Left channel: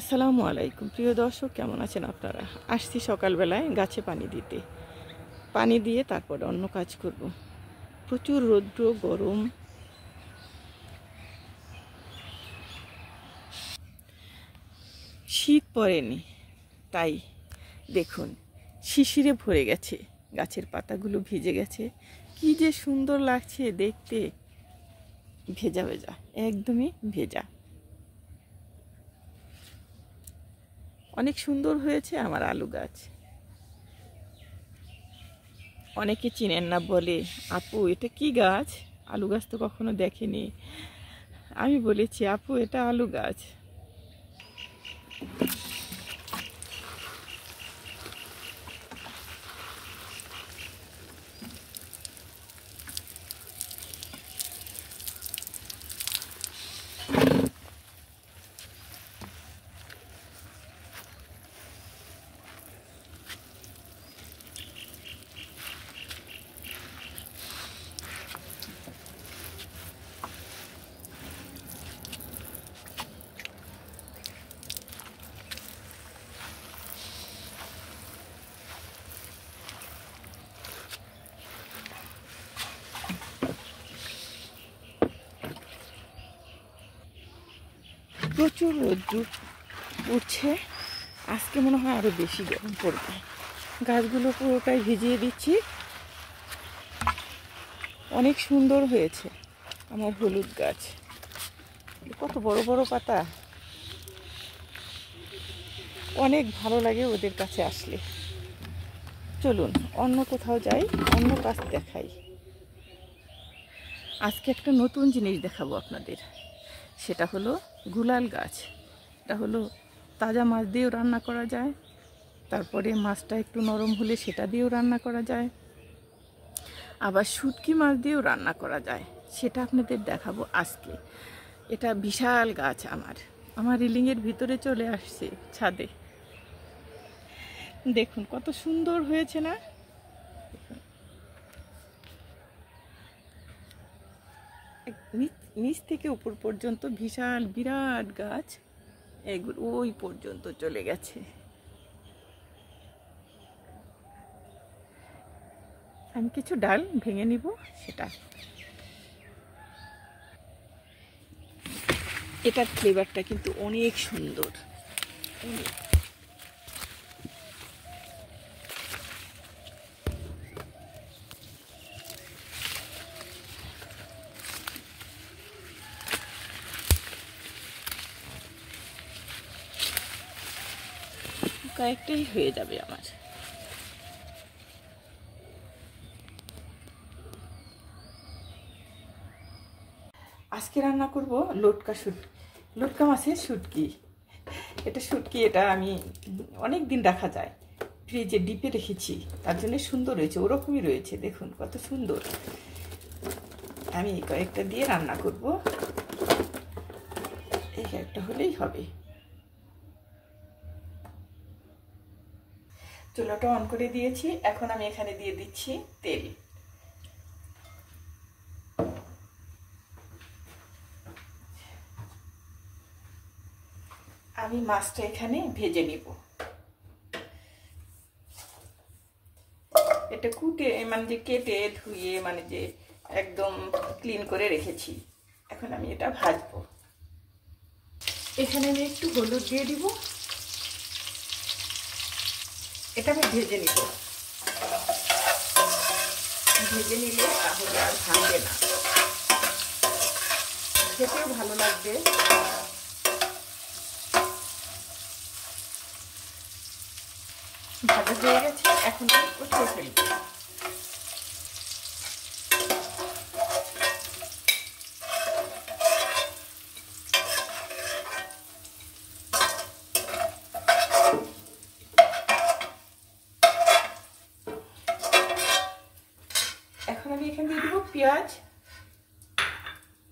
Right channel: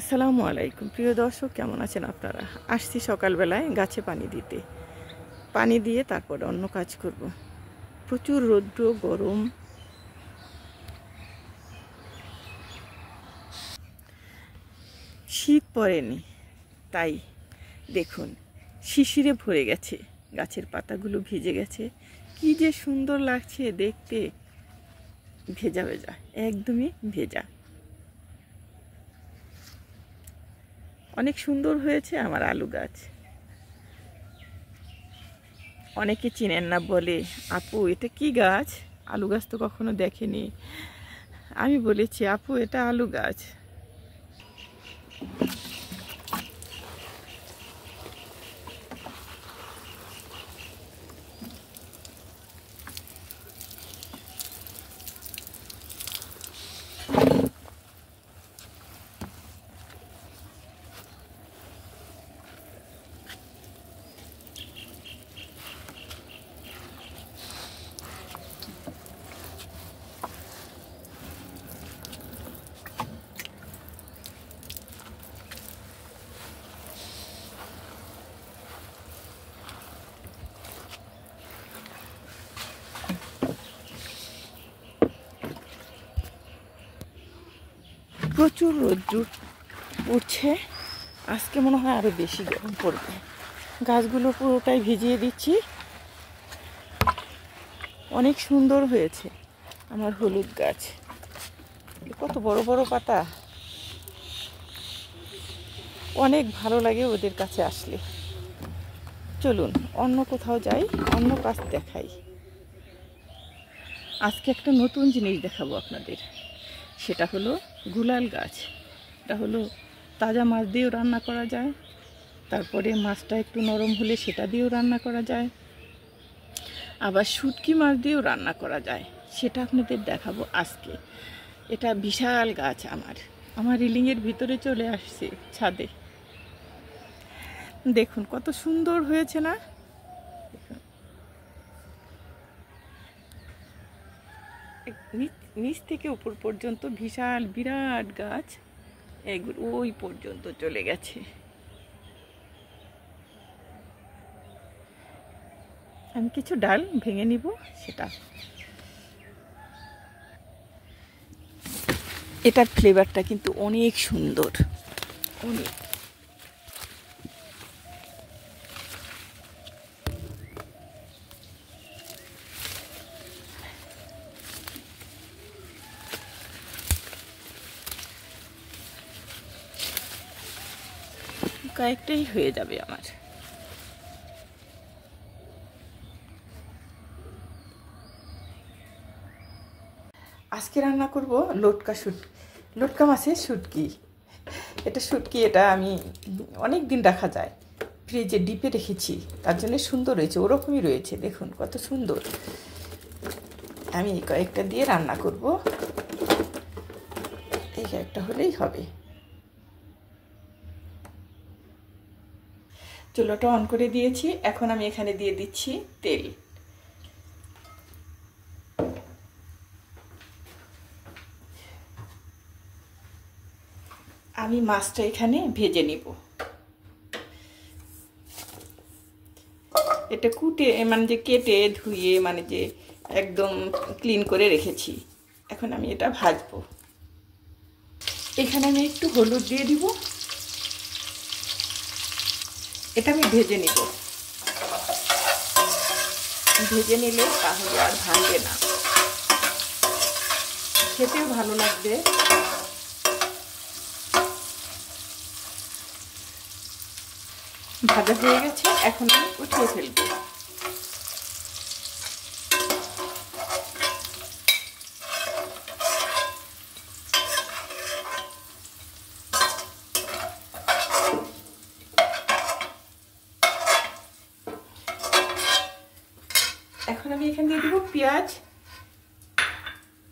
আসসালামু আলাইকুম প্রিয় দর্শক, কেমন আছেন আপনারা? আসছি সকালবেলায় গাছে পানি দিতে। পানি দিয়ে তারপরে অন্য কাজ করব। প্রচুর রৌদ্র, গরম। শীত পড়েনি, তাই দেখুন শিশিরে ভরে গেছে, গাছের পাতাগুলো ভিজে গেছে। কি যে সুন্দর লাগছে দেখতে, ভেজা ভেজা, একদমই ভেজা। অনেক সুন্দর হয়েছে আমার আলু গাছ। অনেকে চিনেন না, বলে আপু এটা কি গাছ? আলু গাছ তো কখনো দেখেনি। আমি বলেছি আপু এটা আলু গাছ। প্রচুর রোদ্র উঠছে, আজকে মনে হয় আরো বেশি গরম পড়বে। গাছগুলো পুরোটাই ভিজিয়ে দিচ্ছি। অনেক সুন্দর হয়েছে আমার হলুদ গাছ। কত বড় বড় পাতা, অনেক ভালো লাগে ওদের কাছে আসলে। চলুন অন্য কোথাও যাই, অন্য কাজ দেখাই। আজকে একটা নতুন জিনিস দেখাবো আপনাদের, সেটা হলো গুলাল গাছ। এটা হলো তাজা মাছ দিয়েও রান্না করা যায়, তারপরে মাছটা একটু নরম হলে সেটা দিয়েও রান্না করা যায়, আবার শুটকি মাছ দিয়েও রান্না করা যায়। সেটা আপনাদের দেখাবো আজকে। এটা বিশাল গাছ আমার রিলিংয়ের ভিতরে চলে আসছে ছাদে। দেখুন কত সুন্দর হয়েছে না? দেখুন নিচ থেকে উপর পর্যন্ত বিশাল বিরাট গাছ, এগুলো ওই পর্যন্ত চলে গেছে। আমি কিছু ডাল ভেঙে নিব, সেটা এটার ফ্লেভারটা কিন্তু অনেক সুন্দর, অনেক। কয়েকটাই হয়ে যাবে আমার। আজকে রান্না করব লটকা মাছের শুটকি। এটা শুটকি, এটা আমি অনেক দিন রাখা যায়, ফ্রিজে ডিপে রেখেছি, তার জন্য সুন্দর হয়েছে। ওরকমই রয়েছে, দেখুন কত সুন্দর। আমি কয়েকটা দিয়ে রান্না করব, এই একটা হলেই হবে। চুলাটা অন করে দিয়েছি, এখন আমি এখানে দিয়ে দিচ্ছি তেল। আমি মাছটা এখানে ভেজে নিব। এটা কুটে মানে যে কেটে ধুয়ে মানে যে একদম ক্লিন করে রেখেছি। এখন আমি এটা ভাজবো। এখানে আমি একটু হলুদ দিয়ে দিব। এটা আমি ভেজে নিব, ভেজে নিলে তাহলে আর ভাঙবে না, খেতেও ভালো লাগবে। ভাজা হয়ে গেছে, এখন আমি উঠিয়ে ফেলবো। এখন আমি এখানে দিয়ে দেবো পেঁয়াজ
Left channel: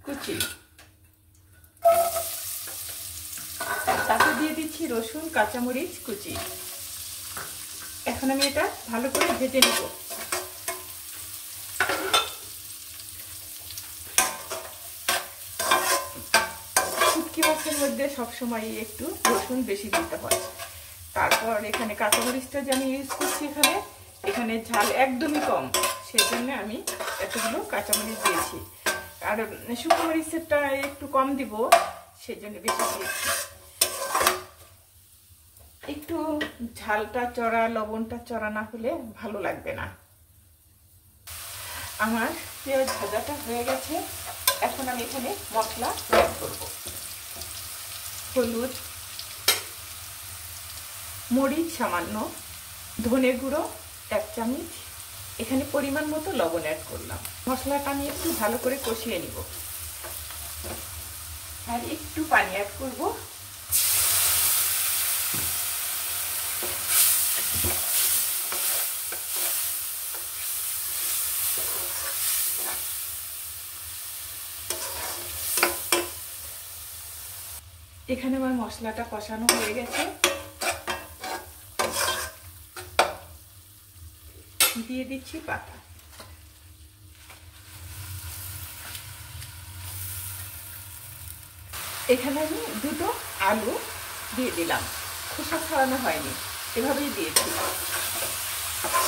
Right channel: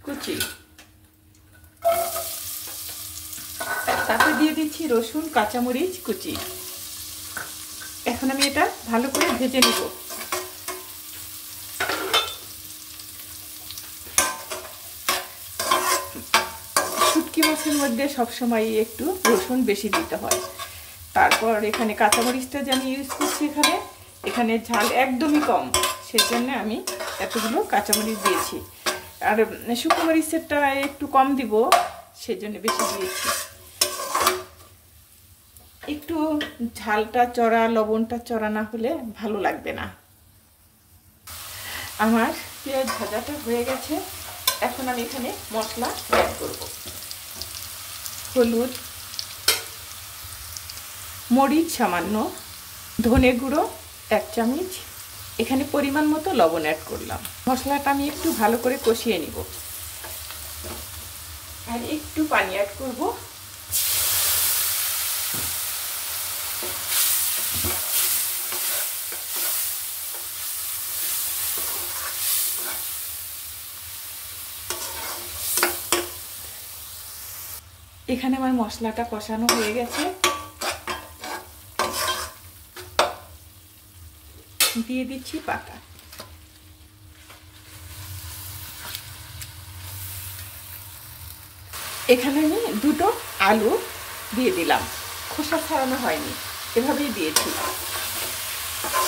কুচি, তাতে দিয়ে দিচ্ছি রসুন কাঁচামরিচ কুচি। এখন আমি এটা ভালো করে ভেজে নেব। শুটকি মাছের মাছের মধ্যে সবসময় একটু রসুন বেশি দিতে হয়। তারপর এখানে কাঁচামরিচটা যে আমি ইউজ করছি, এখানে ঝাল একদমই কম, সেজন্য আমি এতগুলো কাঁচামরিচ দিয়েছি। আর শুকনো মরিচেরটা একটু কম দিব, সেজন্য বেশি দিয়েছি। একটু ঝালটা চড়া, লবণটা চড়া না হলে ভালো লাগবে না। আমার পেঁয়াজ ভাজাটা হয়ে গেছে। এখন আমি এখানে মশলা অ্যাড করব। হলুদ, মরিচ সামান্য, ধনে গুঁড়ো 1 চামচ, এখানে পরিমাণ মতো লবণ অ্যাড করলাম। মশলাটা আমি একটু ভালো করে কষিয়ে নিব, আর একটু পানি অ্যাড করব। এখানে আমার মশলাটা কষানো হয়ে গেছে, দিয়ে দিচ্ছি পাতা। এখানে আমি 2টো আলু দিয়ে দিলাম, খোসা ছাড়ানো হয়নি, এভাবেই দিয়েছি।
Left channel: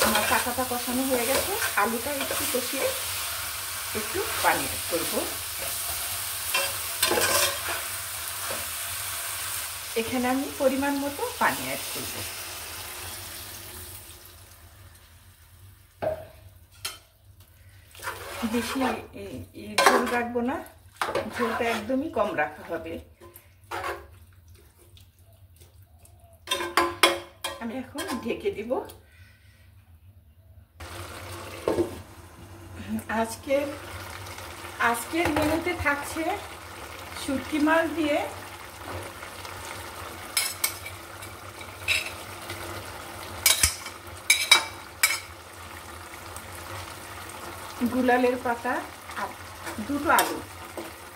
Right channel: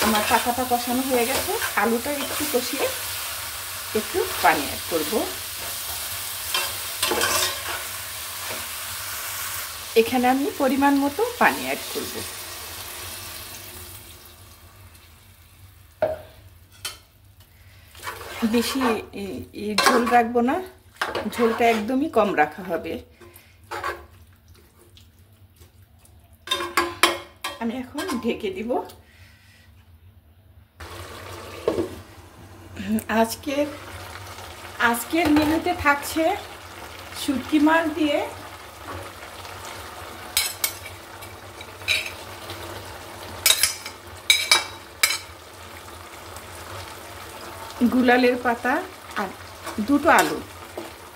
আমার পাতাটা কষানো হয়ে গেছে, আলুটা একটু কষিয়ে একটু পানি অ্যাড করব। এখানে আমি পরিমাণ মতো পানি অ্যাড করব। বেশি ঝোল রাখবো না, ঝোলটা একদমই কম রাখা হবে। আমি এখন ঢেকে দিব। আজকের মেনুতে থাকছে শুটকি মাছ দিয়ে গুলালের পাতা আর 2টো আলু,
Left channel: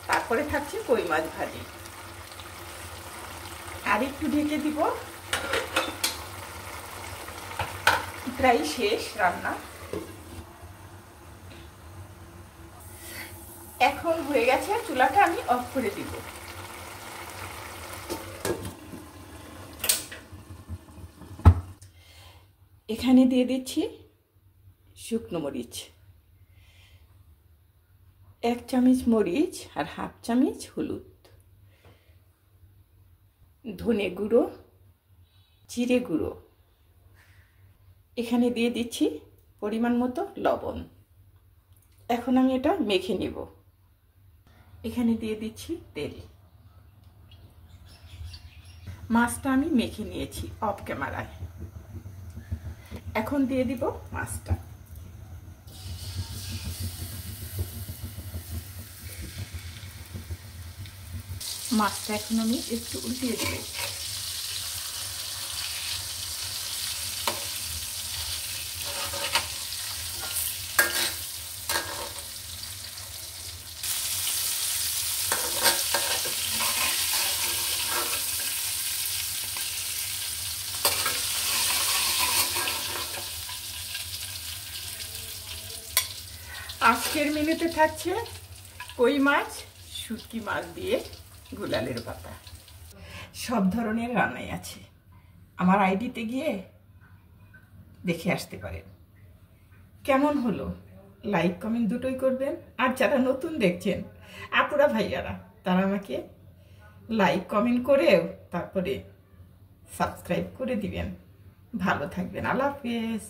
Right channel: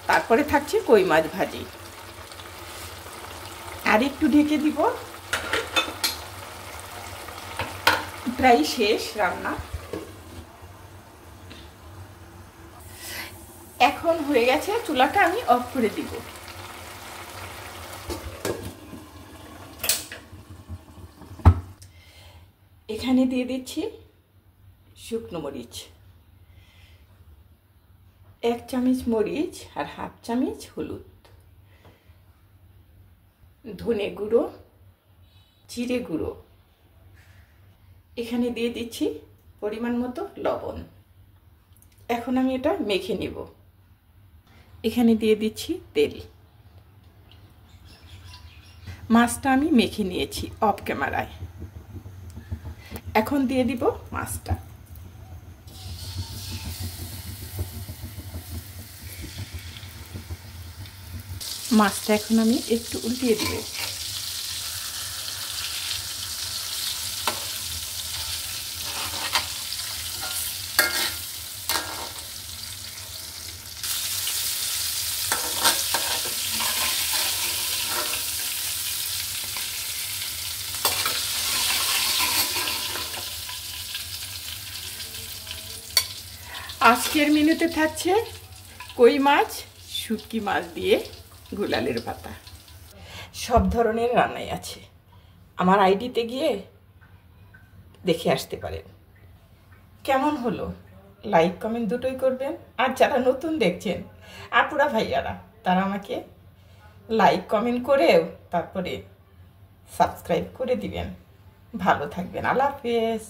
তারপরে থাকছে কই মাছ ভাজি। আর একটু ঢেকে দিব। প্রায় শেষ রান্না। এখন হয়ে গেছে, চুলাটা আমি অফ করে দিব। এখানে দিয়ে দিচ্ছি শুকনো মরিচ, 1 চামচ মরিচ আর 1/2 চামচ হলুদ, ধনে গুঁড়ো, জিরে গুঁড়ো। এখানে দিয়ে দিচ্ছি পরিমাণ মতো লবণ। এখন আমি এটা মেখে নিব। এখানে দিয়ে দিচ্ছি তেল। মাছটা আমি মেখে নিয়েছি অফ ক্যামেরায়। এখন দিয়ে দিব মাছটা। মাছটা এখন আমি একটু উল্টিয়ে দিব। আজকের মেনুতে থাকছে কই মাছ, শুটকি মাছ দিয়ে গুলালের পাতা। সব ধরনের রান্নাই আছে, আমার আইডিতে গিয়ে দেখে আসতে পারেন। কেমন হলো লাইক কমেন্ট দুটোই করবেন। আর যারা নতুন দেখছেন আপুরা ভাইয়ারা, তারা আমাকে লাইক কমেন্ট করেও তারপরে সাবস্ক্রাইব করে দিবেন। ভালো থাকবেন। আল্লাহ হাফেজ।